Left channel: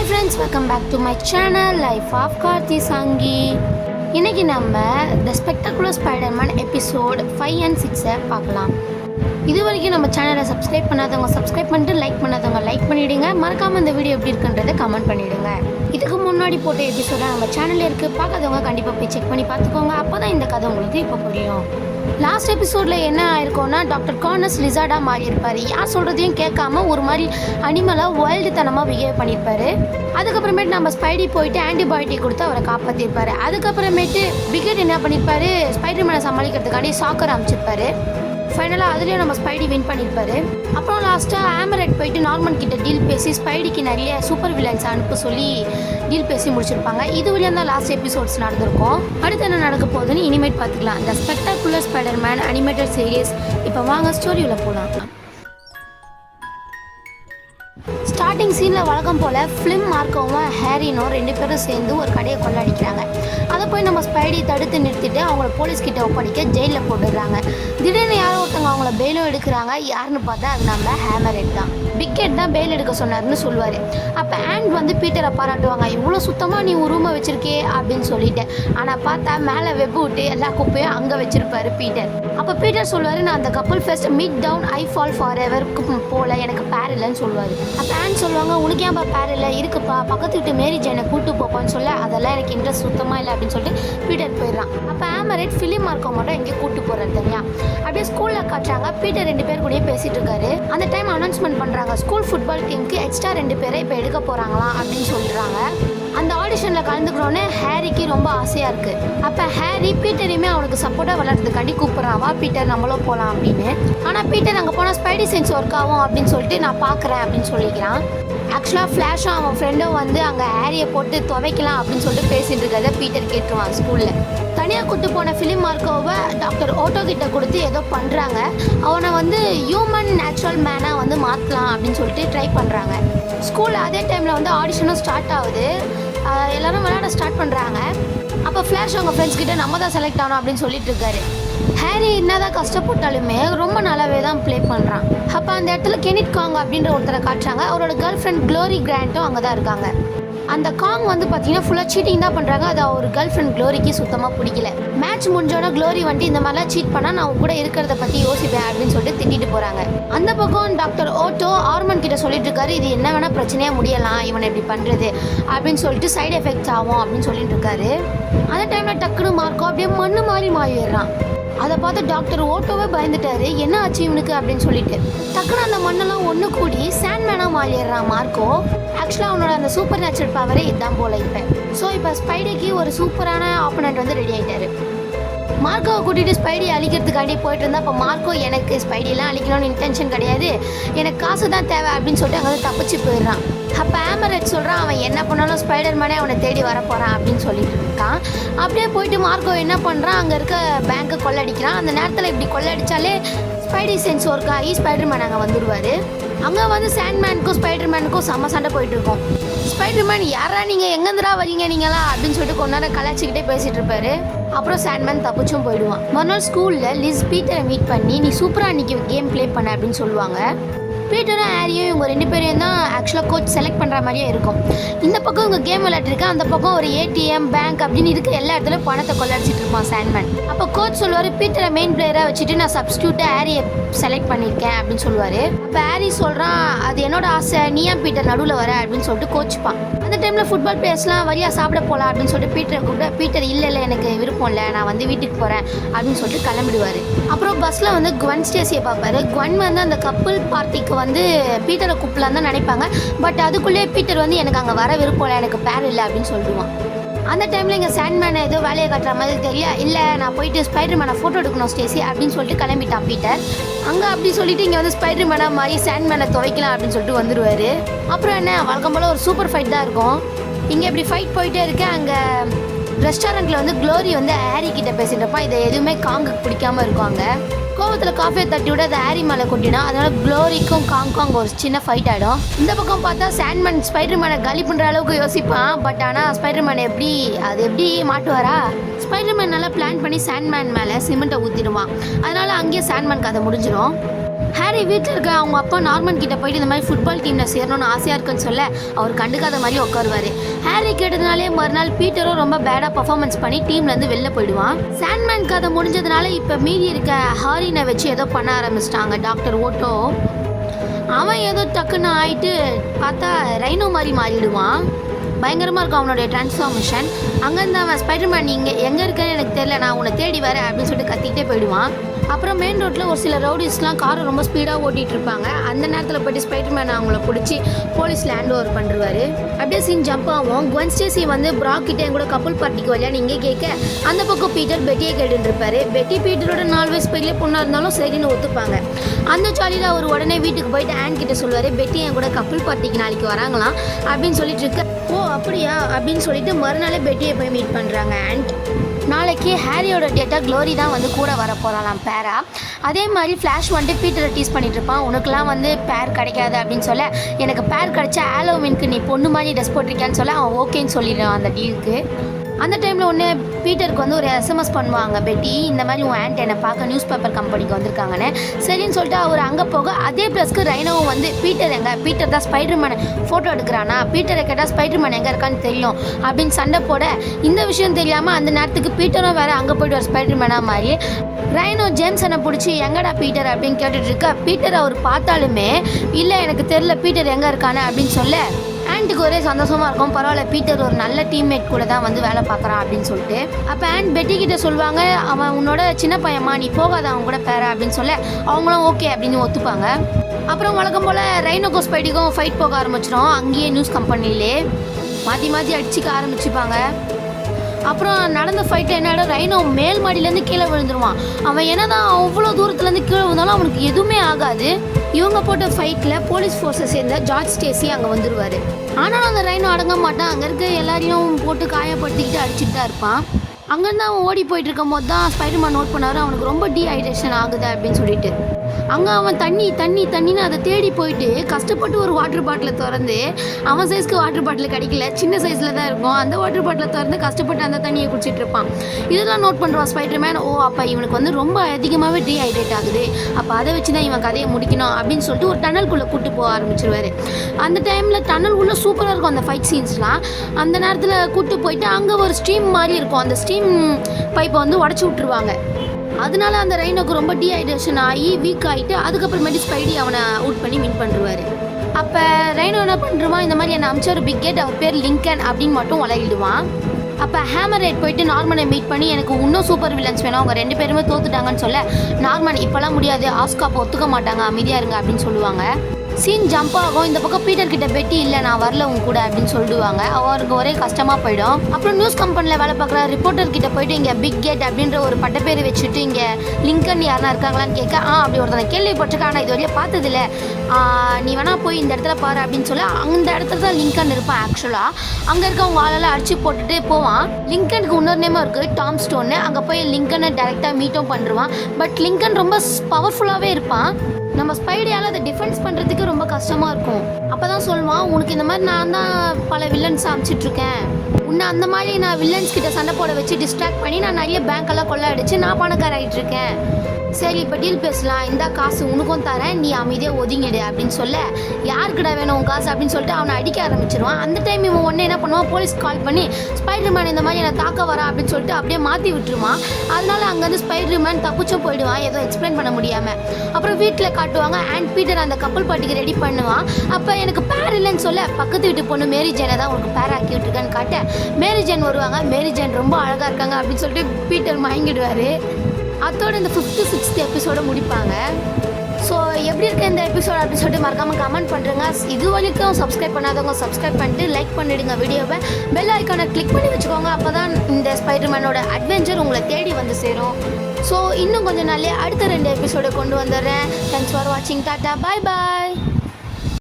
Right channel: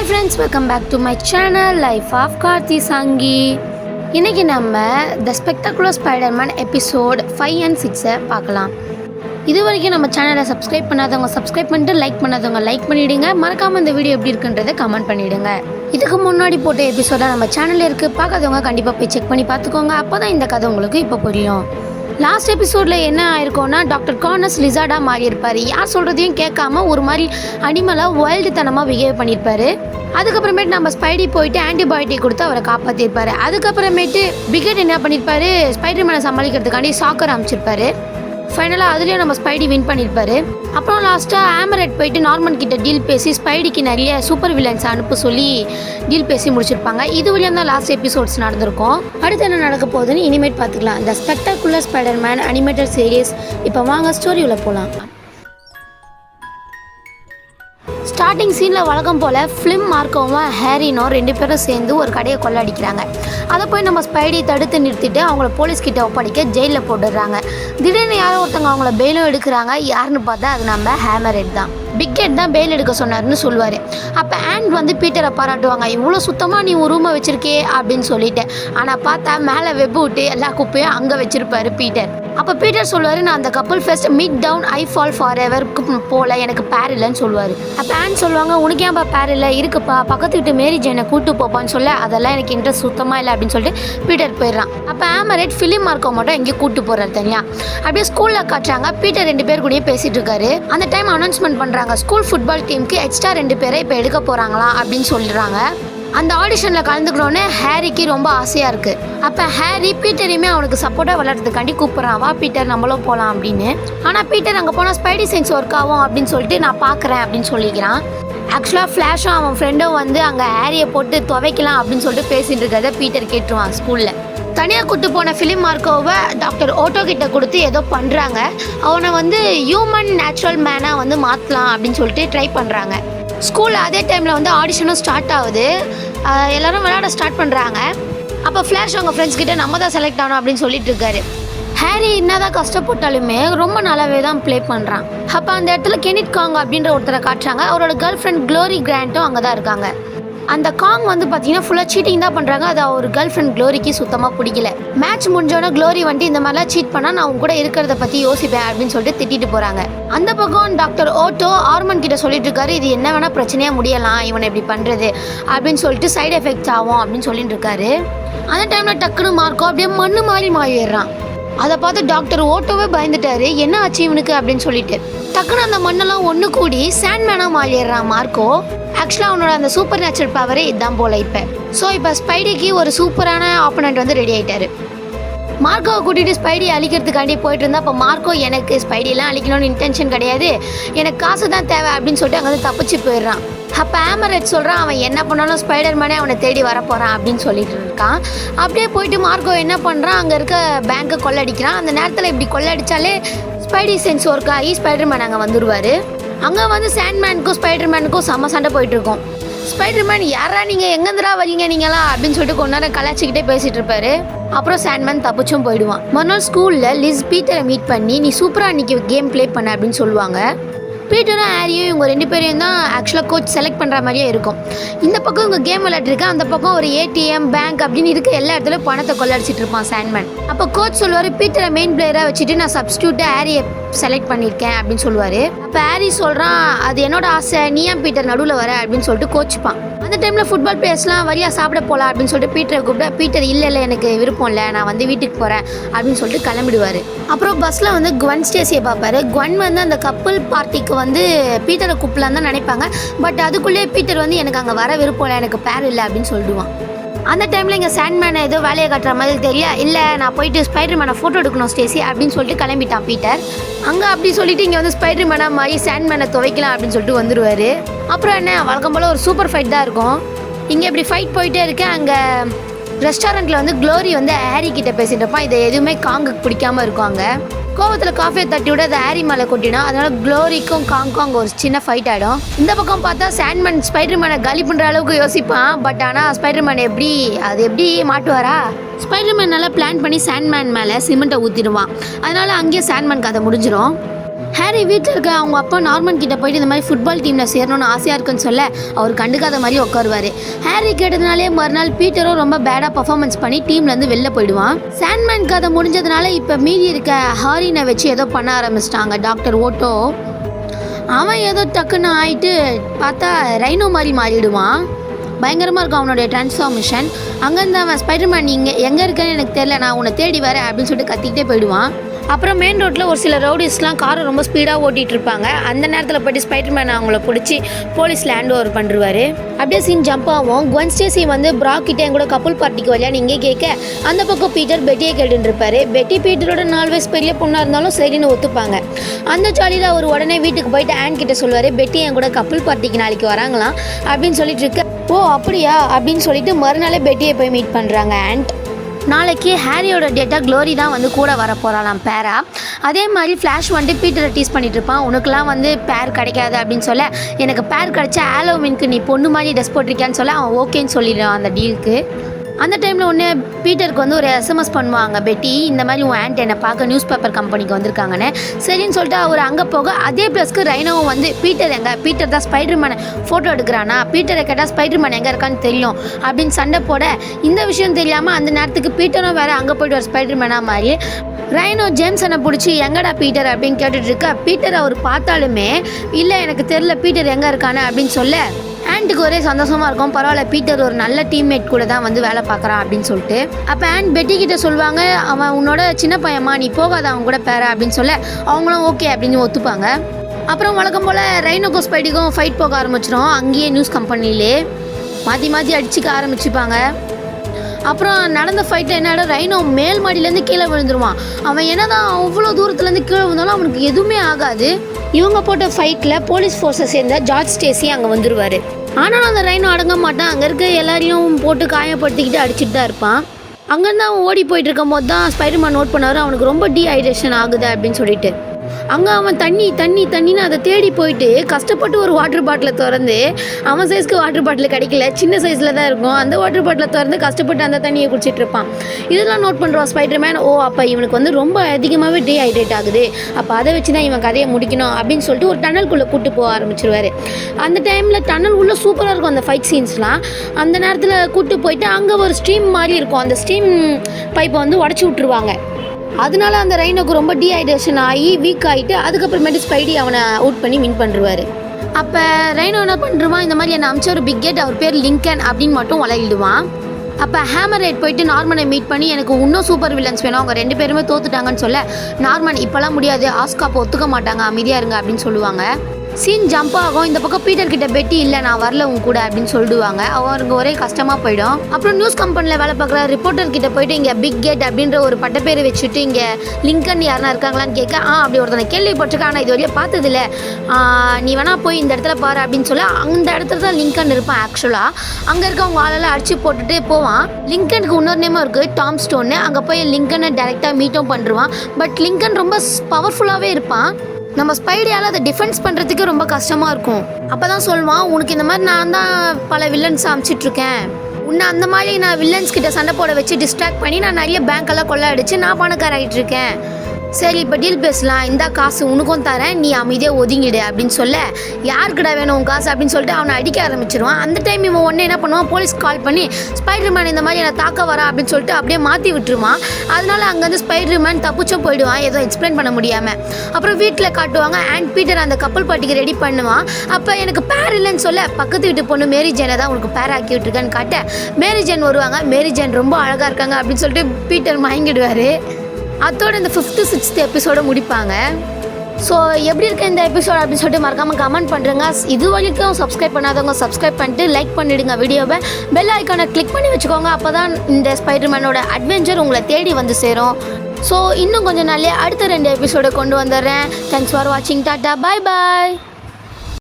Hi friends, welcome back to my channel Life of Karthi Sangi. இன்னைக்கு நம்ம The Spectacular Spider-Man episode 5 and 6 பார்க்கலாம். இது வரைக்கும் நம்ம சேனலை சப்ஸ்கிரைப் பண்ணாதவங்க சப்ஸ்கிரைப் பண்ணிட்டு லைக் பண்ணாதவங்க லைக் பண்ணிவிடுங்க. மறக்காமல் இந்த வீடியோ எப்படி இருக்குன்றதை கமெண்ட் பண்ணிவிடுங்க. இதுக்கு முன்னாடி போட்ட எபிசோட நம்ம சேனலில் இருக்குது, பார்க்காதவங்க கண்டிப்பாக போய் செக் பண்ணி பார்த்துக்கோங்க. அப்போ தான் இந்த கதை உங்களுக்கு இப்போ புரியும். லாஸ்ட் எபிசோடில் என்ன ஆயிருக்கோன்னா, டாக்டர் கார்னஸ் லிசார்டாக மாறியிருப்பார். யார் சொல்கிறதையும் கேட்காம ஒரு மாதிரி அனிமலாக வைல்டுத்தனமாக பிஹேவ் பண்ணியிருப்பார். அதுக்கப்புறமேட்டு நம்ம ஸ்பைடி போயிட்டு ஆன்டிபயோட்டிக் கொடுத்து அவரை காப்பாற்றிருப்பார். அதுக்கப்புறமேட்டு பிகெட் என்ன பண்ணியிருப்பாரு, ஸ்பைடர்மேனை சமாளிக்கிறதுக்காண்டி சாக்கர் அமைச்சிருப்பாரு. ஃபைனலாக அதுலேயும் நம்ம ஸ்பைடி வின் பண்ணியிருப்பாரு. அப்புறம் லாஸ்ட்டாக ஆமரெட் போயிட்டு நார்மன் கிட்ட டீல் பேசி ஸ்பைடிக்கு நிறைய சூப்பர் வில்லன்ஸ் அனுப்ப சொல்லி டீல் பேசி முடிச்சிருப்பாங்க. இது வழியாக தான் லாஸ்ட் எபிசோட்ஸ் நடந்திருக்கும். அடுத்து என்ன நடக்க போகுதுன்னு இனிமேட் பார்த்துக்கலாம். இந்த ஸ்பெக்டாகுலர் ஸ்பைடர்மேன் அனிமேட்டட் சீரீஸ். இப்போ வாங்க ஸ்டோரி உள்ள போகலாம். ஸ்டார்டிங் சீனில் வழக்கம் போல் ஃபிலிம் மார்க்கோவும் ஹேரினோ ரெண்டு பேரும் சேர்ந்து ஒரு கடையை கொள்ளடிக்கிறாங்க. அதை போய் நம்ம ஸ்பைடி தடுத்து நிறுத்திட்டு அவங்கள போலீஸ்கிட்ட ஒப்படைக்க ஜெயிலில் போட்டுடுறாங்க. திடீர்னு யாரோ ஒருத்தவங்க அவங்கள பெயிலும் எடுக்கிறாங்க. யாருன்னு பார்த்தா அது நம்ம ஹேமரெட் தான். பிக்கெட் தான் பெயில் எடுக்க சொன்னார்னு சொல்லுவார். அப்போ ஆண்ட் வந்து பீட்டரை பாராட்டுவாங்க. இவ்வளோ சுத்தமாக நீ ஒரு ரூமை வச்சுருக்கே அப்படின்னு சொல்லிட்டு. ஆனால் பார்த்தா மேலே வெப்பு விட்டு எல்லா குப்பையும் அங்கே வச்சுருப்பாரு பீட்டர். அப்போ பீட்டர் சொல்லுவார், நான் அந்த கப்பல் first meet down I fall for எவருக்கு போல எனக்கு பேர் இல்லைன்னு சொல்லுவார். அப்போ ஆண்ட் சொல்லுவாங்க, உனக்கு ஏன்பா பேர் இல்லை, இருக்குப்பா பக்கத்து வீட்டு மேரி ஜெனை கூட்டு போப்பான்னு சொல்ல, அதெல்லாம் எனக்கு இன்ட்ரெஸ்ட் சுத்தமாக இல்லை அப்படின்னு சொல்லிட்டு பீட்டர் போயிடுறான். அப்போ ஆமரெட் ஃபிலிம் மார்க்கோ மட்டும் எங்கேயும் கூட்டு போகிறாரு தனியாக. அப்படியே ஸ்கூலில் காட்டுறாங்க. பீட்டர் ரெண்டு பேர் கூடயே பேசிகிட்டு இருக்காரு. அந்த டைம் அனௌன்ஸ்மெண்ட் பண்ணுறாங்க, ஸ்கூல் ஃபுட்பால் டீமுக்கு எக்ஸ்ட்ரா 2 பேரை இப்போ எடுக்க போகிறாங்களா அப்படின்னு சொல்லிடுறாங்க. அந்த ஆடிஷனில் கலந்துக்கணுன்னு ஹேரிக்கு ரொம்ப ஆசையாக இருக்குது. அப்போ ஹேரி பீட்டரையுமே அவனுக்கு சப்போர்ட்டாக விளையாடுறதுக்காண்டி கூப்பிட்றான், வா பீட்டர் நம்மளும் போகலாம் அப்படின்னு. ஆனால் பீட்டர் அங்கே போனால் ஸ்பைடி சென்ஸ் ஒர்க் ஆகும் அப்படின்னு சொல்லிட்டு நான் பார்க்குறேன் அப்படின்னு சொல்லிக்கிறான். ஆக்சுவலாக ஃப்ளாஷும் அவன் ஃப்ரெண்டும் வந்து அங்கே ஹேரியை போட்டு துவைக்கலாம் அப்படின்னு சொல்லிட்டு பேசிட்டு இருக்கிறத பீட்டர் கேட்டுருவான். ஸ்கூலில் தனியாக கூட்டு போன ஃபிலிம் மார்க்கோவை டாக்டர் ஓட்டோ கிட்ட கொடுத்து ஏதோ பண்ணுறாங்க. அவனை வந்து ஹியூமன் நேச்சுரல் மேனாக வந்து மாற்றலாம் அப்படின்னு சொல்லிட்டு ட்ரை பண்ணுறாங்க. ஸ்கூலில் அதே டைமில் வந்து ஆடிஷனும் ஸ்டார்ட் ஆகுது. எல்லோரும் விளையாட ஸ்டார்ட் பண்ணுறாங்க. அப்போ ஃப்ளாஷ் அவங்க ஃப்ரெண்ட்ஸ் கிட்ட நம்ம தான் செலக்ட் ஆகணும் அப்படின்னு சொல்லிட்டு இருக்காரு. ஹேரி என்னதான் கஷ்டப்பட்டாலுமே ரொம்ப நல்லாவே தான் ப்ளே பண்ணுறான். அப்போ அந்த இடத்துல கெனிட் காங் அப்படின்ற ஒருத்தரை காட்டுறாங்க. அவரோட கேர்ள் ஃப்ரெண்ட் க்ளோரி கிராண்ட்டும் அங்கே தான் இருக்காங்க. அந்த காங் வந்து பார்த்தீங்கன்னா ஃபுல்லாக சீட்டிங் தான் பண்ணுறாங்க. அது அவர் கேர்ள் ஃப்ரெண்ட் க்ளோரிக்கு சுத்தமாக பிடிக்கல. மேட்ச் முடிஞ்சோன்னா க்ளோரி வந்துட்டு இந்த மாதிரிலாம் சீட் பண்ணால் நான் அவங்க கூட இருக்கிறத பற்றி யோசிப்பேன் அப்படின்னு சொல்லிட்டு திட்டிட்டு போகிறாங்க. அந்த பக்கம் டாக்டர் ஓட்டோ ஆர்மன் கிட்ட சொல்லிட்டு இருக்காரு, இது என்ன வேணால் பிரச்சனையாக முடியலாம் இவனை இப்படி பண்ணுறது அப்படின்னு சொல்லிட்டு சைடு எஃபெக்ட்ஸ் ஆகும் அப்படின்னு சொல்லிட்டு இருக்காரு. அந்த டைமில் டக்குன்னு மார்க்கோ அப்படியே மண்ணு மாதிரி மாறிடுறான். அதை பார்த்து டாக்டர் ஓட்டோவே பயந்துட்டாரு, என்ன ஆச்சு இவனுக்கு அப்படின்னு சொல்லிட்டு. டக்குன்னு அந்த மண்ணெல்லாம் ஒன்று கூடி சாண்ட்மேனாக மாறிடுறான் மார்க்கோ. ஆக்சுவலாக அவனோட அந்த சூப்பர் நேச்சுரல் பவரே இதுதான் போல இப்போ. ஸோ இப்போ ஸ்பைடிக்கு ஒரு சூப்பரான ஆப்போனண்ட் வந்து ரெடி ஆகிட்டாரு. மார்க்கோவை கூட்டிகிட்டு ஸ்பைடி அழிக்கிறதுக்காண்டி போயிட்டு இருந்தா. அப்போ மார்க்கோ எனக்கு ஸ்பைடியெல்லாம் அழிக்கணும்னு இன்டென்ஷன் கிடையாது, எனக்கு காசு தான் தேவை அப்படின்னு சொல்லிட்டு அங்கே வந்து தப்பிச்சு போயிடுறான். அப்போ ஆமரெட் சொல்கிறான், அவன் என்ன பண்ணாலும் ஸ்பைடர்மேனே அவனை தேடி வரப்போகிறான் அப்படின்னு சொல்லிட்டு இருக்கான். அப்படியே போயிட்டு மார்க்கோ என்ன பண்ணுறான், அங்கே இருக்க பேங்க்கை கொள்ளடிக்கிறான். அந்த நேரத்தில் இப்படி கொள்ளடிச்சாலே ஸ்பைடி சென்ஸ் ஒர்க் ஆகி ஸ்பைடர்மேன் அங்கே வந்துடுவார். அங்கே வந்து சாண்ட்மேனுக்கும் ஸ்பைடர்மேனுக்கும் செம்ம சண்டை போயிட்டுருக்கோம். ஸ்பைடர்மேன் யாரா நீங்கள் எங்கேருந்துடா வரீங்க நீங்களா அப்படின்னு சொல்லிட்டு கொஞ்ச நேரம் கலாச்சிக்கிட்டே பேசிகிட்டு இருப்பாரு. அப்புறம் சாண்ட்மேன் தப்பிச்சும் போயிடுவான். மறுநாள் ஸ்கூலில் லிஸ் பீட்டரை மீட் பண்ணி நீ சூப்பராக அன்றைக்கி கேம் ப்ளே பண்ண அப்படின்னு சொல்லுவாங்க. பீட்டரும் ஹேரியும் இவங்க 2 பேரையும் தான் ஆக்சுவலாக கோச் செலக்ட் பண்ணுற மாதிரியே இருக்கும். இந்த பக்கம் இவங்க கேம் விளையாட்டுருக்கேன், அந்த பக்கம் ஒரு ஏடிஎம் பேங்க் அப்படின்னு இருக்க எல்லா இடத்துலையும் பணத்தை கொள்ளடிச்சிட்டு இருப்பான் சாண்ட்மேன். அப்போ கோச் சொல்லுவார், பீட்டரை மெயின் பிளேயராக வச்சுட்டு நான் சப்ஸ்டியூட்டாக ஹேரியை செலக்ட் பண்ணியிருக்கேன் அப்படின்னு சொல்லுவார். அப்போ ஹேரி சொல்கிறான், அது என்னோட ஆசை, நீ ஏன் பீட்டர் நடுவில் வர அப்படின்னு சொல்லிட்டு கோச்சுப்பான். அந்த டைமில் ஃபுட்பால் பிளேயர்ஸ்லாம் வரியாக சாப்பிட போகலாம் அப்படின்னு சொல்லிட்டு பீட்டரை கூப்பிட்டு, பீட்டர் இல்லை எனக்கு விருப்பம் இல்லை, நான் வந்து வீட்டுக்கு போகிறேன் அப்படின்னு சொல்லிட்டு கிளம்பிடுவார். அப்புறம் பஸ்ஸில் வந்து குவன் ஸ்டேசியை பார்ப்பாரு. குவன் வந்து அந்த கப்பல் பார்ட்டிக்கு வந்து பீட்டரை கூப்பிடலாம் தான் நினைப்பாங்க. பட் அதுக்குள்ளேயே பீட்டர் வந்து எனக்கு அங்கே வர விருப்பம் இல்லை, எனக்கு பேர் இல்லை அப்படின்னு சொல்லிடுவான். அந்த டைமில் இங்கே சாண்ட்மேனை ஏதோ வேலையை காட்டுற மாதிரி தெரியல, இல்லை நான் போயிட்டு ஸ்பைடர்மேனை ஃபோட்டோ எடுக்கணும் ஸ்டேசி அப்படின்னு சொல்லிட்டு கிளம்பிட்டான் பீட்டர். அங்கே அப்படி சொல்லிட்டு இங்கே வந்து ஸ்பைடர்மேனாக மாதிரி சாண்ட்மேனை துவைக்கலாம் அப்படின்னு சொல்லிட்டு வந்துடுவார். அப்புறம் என்ன வழக்கம் போல் ஒரு சூப்பர் ஃபைட் தான் இருக்கும். இங்கே இப்படி ஃபைட் போயிட்டே இருக்கு. அங்கே ரெஸ்டாரண்ட்டில் வந்து க்ளோரி வந்து ஹேரி கிட்ட பேசிட்டு இருப்பான். இதை எதுவுமே காங்குக்கு பிடிக்காமல் இருக்கும். அங்கே கோவத்தில் காஃபியை தட்டி விட அதை ஹேரி மேலே கொட்டினா. அதனால க்ளோரிக்கும் காங்கும் அங்கே ஒரு சின்ன ஃபைட் ஆகிடும். இந்த பக்கம் பார்த்தா சாண்ட்மேன் ஸ்பைடர்மேனை காலி பண்ணுற அளவுக்கு யோசிப்பான். பட் ஆனால் ஸ்பைடர்மேன் எப்படி மாட்டுவாரா? ஸ்பைடர்மேன் நல்லா பிளான் பண்ணி சாண்ட்மேன் மேலே சிமெண்ட்டை ஊற்றிடுவான். அதனால அங்கேயே சாண்ட்மேன் கதை முடிஞ்சிடும். ஹாரி வீட்டில் இருக்க அவங்க அப்பா நார்மன் கிட்ட போயிட்டு இந்த மாதிரி ஃபுட்பால் டீமில் சேரணும்னு ஆசையாக இருக்குன்னு சொல்ல அவர் கண்டுக்காத மாதிரி உட்காருவார். ஹாரி கேட்டதுனாலே மறுநாள் பீட்டரும் ரொம்ப பேடாக பர்ஃபார்மன்ஸ் பண்ணி டீம்லேருந்து வெளில போயிடுவான். சாண்ட்மேன் கதை முடிஞ்சதுனால இப்போ மீதி இருக்க ஹாரினை வச்சு ஏதோ பண்ண ஆரம்பிச்சிட்டாங்க. டாக்டர் ஓட்டோ அவன் ஏதோ டக்குன்னு ஆகிட்டு பார்த்தா ரைனோ மாதிரி மாறிடுவான். பயங்கரமாக இருக்கும் அவனுடைய டிரான்ஸ்ஃபார்மேஷன். அங்கேருந்து அவன் ஸ்பைடர்மேன் எங்கே இருக்கேன்னு எனக்கு தெரியல, நான் உன்னை தேடி வரேன் அப்படின்னு சொல்லிட்டு கத்திக்கிட்டே போயிடுவான். அப்புறம் மெயின் ரோட்டில் ஒரு சில ரவுடிஸ்லாம் காரை ரொம்ப ஸ்பீடாக ஓட்டிகிட்டு இருப்பாங்க. அந்த நேரத்தில் போய்ட்டு ஸ்பைடர்மேன் அவங்கள பிடிச்சி போலீஸில் ஹேண்ட் ஓவர் பண்ணுறாரு. அப்படியே சீன் ஜம்ப் ஆகும். குவென் ஸ்டேசி வந்து ப்ராக்கிட்டே என் கூட கப்புள் பார்ட்டிக்கு வரலையா நீங்கள் கேட்க அந்த பக்கம் பீட்டர் பெட்டியை கேட்டுருப்பாரு. பெட்டி பீட்டரோட 4 வயசு பெரிய பொண்ணாக இருந்தாலும் சரின்னு ஒத்துப்பாங்க. அந்த ஜாலியில் அவர் உடனே வீட்டுக்கு போயிட்டு ஆண்ட் கிட்ட சொல்லுவார், பெட்டி என் கூட கப்புள் பார்ட்டிக்கு நாளைக்கு வராங்களாம் அப்படின்னு சொல்லிட்டு இருக்க. ஓ அப்படியா அப்படின்னு சொல்லிட்டு மறுநாளே பெட்டியை போய் மீட் பண்ணுறாங்க ஆண்ட். நாளைக்கு ஹாரியோட டேட்டா க்ளோரி தான் வந்து கூட வர போகிறாளாம் பேரா. அதே மாதிரி ஃப்ளாஷ் வந்துட்டு பீட்டரை டீஸ் பண்ணிட்டு இருப்பான். உனக்குலாம் வந்து பேர் கிடைக்காது அப்படின்னு சொல்ல, எனக்கு பேர் கிடைச்சா ஹாலோவினுக்கு நீ பொண்ணு மாதிரி ட்ரெஸ் போட்டிருக்கான்னு சொல்ல அவன் ஓகேன்னு சொல்லிடுறான் அந்த டீலுக்கு. அந்த டைமில் ஒன்று பீட்டருக்கு வந்து ஒரு எஸ்எம்எஸ் பண்ணுவாங்க பெட்டி, இந்த மாதிரி உன் ஆண்ட் என்னை பார்க்க நியூஸ் பேப்பர் கம்பெனிக்கு வந்திருக்காங்கன்னு. சரின்னு சொல்லிட்டு அவர் அங்கே போக அதே ப்ளஸ்க்கு ரைனோவும் வந்து பீட்டர் எங்கே, பீட்டர் தான் ஸ்பைடர்மேனை ஃபோட்டோ எடுக்கிறானா, பீட்டரை கேட்டால் ஸ்பைடர்மேன் எங்கே இருக்கான்னு தெரியும் அப்படின்னு சண்டை போட இந்த விஷயம் தெரியாமல் அந்த நேரத்துக்கு பீட்டரும் வேறு அங்கே போய்ட்டு ஒரு ஸ்பைடர்மேனாக மாதிரி ரைனோ ஜேம்ஸனை பிடிச்சி எங்கடா பீட்டர் அப்படின்னு கேட்டுட்டு இருக்கா. பீட்டர் அவர் பார்த்தாலுமே இல்லை எனக்கு தெரில பீட்டர் எங்கே இருக்கானே அப்படின்னு சொல்ல ஆண்ட்டுக்கு ஒரே சந்தோஷமாக இருக்கும். பரவாயில்ல பீட்டர் ஒரு நல்ல டீம்மேட் கூட தான் வந்து வேலை பார்க்குறான் அப்படின்னு சொல்லிட்டு. அப்போ ஆண்ட் பெட்டி கிட்ட சொல்லுவாங்க, அவன் உன்னோட சின்ன பையன்மா நீ போகாத அவன் கூட பேர அப்படின்னு சொல்ல அவங்களும் ஓகே அப்படின்னு ஒத்துப்பாங்க. அப்புறம் வழக்கம் போல் ரைனோக்கும் ஸ்பைடிக்கும் ஃபைட் போக ஆரம்பிச்சிடும். அங்கேயே நியூஸ் கம்பெனிலே மாற்றி அடிச்சுக்க ஆரம்பிச்சுப்பாங்க. அப்புறம் நடந்த ஃபைட்டில் என்னடா ரைனோ மேல் மாடியிலேருந்து கீழே விழுந்துருவான். அவன் என்னதான் அவ்வளோ தூரத்துலேருந்து கீழே விழுந்தாலும் அவனுக்கு எதுவுமே ஆகாது. இவங்க போட்ட ஃபைட்டில் போலீஸ் ஃபோர்ஸை சேர்ந்த ஜார்ஜ் ஸ்டேசி அங்கே வந்துடுவார். ஆனாலும் அந்த ரைனோ அடங்க மாட்டான். அங்கே இருக்க எல்லாரையும் போட்டு காயப்படுத்திக்கிட்டு அடிச்சுட்டு தான் இருப்பான். அங்கேருந்து அவன் ஓடி போயிட்டு இருக்கும் போது தான் ஸ்பைடர்மேன் நோட் பண்ணார் அவனுக்கு ரொம்ப டீஹைட்ரேஷன் ஆகுது அப்படின்னு சொல்லிட்டு. அங்கே அவன் தண்ணின்னு அதை தேடி போயிட்டு கஷ்டப்பட்டு ஒரு வாட்டர் பாட்டிலை திறந்து, அவன் சைஸ்க்கு வாட்டர் பாட்டில் கிடைக்கல, சின்ன சைஸில் தான் இருக்கும், அந்த வாட்டர் பாட்டிலை திறந்து கஷ்டப்பட்டு அந்த தண்ணியை குடிச்சிட்டு இருப்பான். இதெல்லாம் நோட் பண்ணுறான் ஸ்பைடர்மேன். ஓ அப்போ இவனுக்கு வந்து ரொம்ப அதிகமாகவே டீஹைட்ரேட் ஆகுது, அப்போ அதை வச்சு தான் இவன் கதையை முடிக்கணும் அப்படின்னு சொல்லிட்டு ஒரு டனல்குள்ளே கூப்பிட்டு போக ஆரம்பிச்சிருவார். அந்த டைமில் டனல் உள்ள சூப்பராக இருக்கும் அந்த ஃபைட் சீன்ஸ்லாம். அந்த நேரத்தில் கூப்பிட்டு போயிட்டு அங்கே ஒரு ஸ்ட்ரீம் மாதிரி இருக்கும், அந்த ஸ்ட்ரீம் பைப்பை வந்து உடச்சி விட்ருவாங்க. அதனால அந்த ரைனோக்கு ரொம்ப டீஹைட்ரேஷன் ஆகி வீக் ஆகிட்டு அதுக்கப்புறமேட்டு ஸ்பைடி அவனை அவுட் பண்ணி வின் பண்ணுவார். அப்போ ரைனோ என்ன பண்ணுறான், இந்த மாதிரி என்னை அமிச்ச ஒரு பிக் கேட் அவர் பேர் லிங்கன் அப்படின்னு மட்டும் வளரிடுவான். அப்போ ஹேமர் ரைட் போயிட்டு நார்மனை மீட் பண்ணி எனக்கு இன்னும் சூப்பர் வில்லன்ஸ் வேணும், அவங்க 2 பேருமே தோத்துட்டாங்கன்னு சொல்ல நார்மன் இப்போலாம் முடியாது, ஆஸ்காப்போ ஒத்துக்க மாட்டாங்க, அமைதியாக இருங்க அப்படின்னு சொல்லுவாங்க. சீன் ஜம்ப் ஆகும். இந்த பக்கம் பீட்டர் கிட்ட பெட்டி இல்லை நான் வரல உங்க கூட அப்படின்னு சொல்லிடுவாங்க. அவருக்கு ஒரே கஷ்டமாக போயிடும். அப்புறம் நியூஸ் கம்பெனியில் வேலை பார்க்குற ரிப்போர்ட்டர் கிட்ட போயிட்டு இங்கே பிக் கேட் அப்படின்ற ஒரு பட்டப்பேர் வச்சுட்டு இங்கே லிங்கன் யாருனா இருக்காங்களான்னு கேட்க அப்படி ஒருத்தனை கேள்விப்பட்டிருக்கேன் ஆனால் இது வரையும் பார்த்ததில்ல, நீ வேணா போய் இந்த இடத்துல பாரு அப்படின்னு சொல்ல அந்த இடத்துல தான் லிங்கன் இருப்பான். ஆக்சுவலாக அங்கே இருக்கவங்க ஆளெல்லாம் அடிச்சு போட்டுட்டு போவான். லிங்கனுக்கு இன்னொரு நேமும் இருக்குது டாம் ஸ்டோன்னு. அங்கே போய் லிங்கனை டைரெக்டாக மீட்டும் பண்ணுறான். பட் லிங்கன் ரொம்ப பவர்ஃபுல்லாகவே இருப்பான். நம்ம ஸ்பைடியால் அதை டிஃபென்ஸ் பண்ணுறதுக்கு ரொம்ப கஷ்டமாக இருக்கும். அப்போ தான் சொல்லுவான், உனக்கு இந்த மாதிரி நான் தான் பல வில்லன்ஸ் அனுப்பிச்சிட்ருக்கேன், உன்னை அந்த மாதிரி நான் வில்லன்ஸ் கிட்ட சண்டை போட வச்சு டிஸ்ட்ராக்ட் பண்ணி நான் நிறைய பேங்க்கெல்லாம் கொள்ள அடிச்சு நான் பணக்கார ஆகிட்டுருக்கேன். சரி இப்போ டீல் பேசலாம், இந்த காசு உனக்கும் தரேன், நீ அமைதியாக ஒதுங்கிடு அப்படின்னு சொல்ல யாருக்கிட்ட வேணும் உன் காசு அப்படின்னு சொல்லிட்டு அவனை அடிக்க ஆரம்பிச்சிருவான். அந்த டைம் இவன் ஒன்று என்ன பண்ணுவான், போலீஸ் கால் பண்ணி ஸ்பைடர்மேன் இந்த மாதிரி என்னை தாக்க வரா அப்படின்னு சொல்லிட்டு அப்படியே மாற்றி விட்டுருவான். அதனால அங்கேருந்து ஸ்பைடர்மேன் தப்பிச்சும் போயிடுவான் ஏதோ எக்ஸ்பிளைன் பண்ண முடியாமல். அப்புறம் வீட்டில் காட்டுவாங்க அண்ட் பீட்டர் அந்த கப்பல் பார்ட்டிக்கு ரெடி பண்ணுவான். அப்போ எனக்கு பேர் இல்லைன்னு சொல்ல பக்கத்து வீட்டு பொண்ணு மேரி ஜேனை தான் உனக்கு பேர் ஆக்கி விட்டுருக்கேன்னு காட்ட மேரி ஜேன் வருவாங்க. மேரி ஜேன் ரொம்ப அழகாக இருக்காங்க அப்படின்னு சொல்லிட்டு பீட்டர் மயங்கிடுவார். அதோட இந்த 5th 6th எபிசோட முடிப்பாங்க. ஸோ எப்படி இருக்குது இந்த எபிசோட் அப்படின்னு சொல்லிட்டு மறக்காமல் கமெண்ட் பண்ணுறேங்க. இது வரைக்கும் சப்ஸ்கிரைப் பண்ணாதவங்க சப்ஸ்கிரைப் பண்ணிட்டு லைக் பண்ணிவிடுங்க வீடியோவை. பெல் ஐக்கானை கிளிக் பண்ணி வச்சுக்கோங்க. அப்போ தான் இந்த ஸ்பைடர்மேனோட அட்வென்ச்சர் உங்களை தேடி வந்து சேரும். ஸோ இன்னும் கொஞ்சம் நாளே அடுத்த 2 எபிசோடை கொண்டு வந்துடுறேன். தேங்க்ஸ் ஃபார் வாட்சிங். டாட்டா, பாய் பாய்.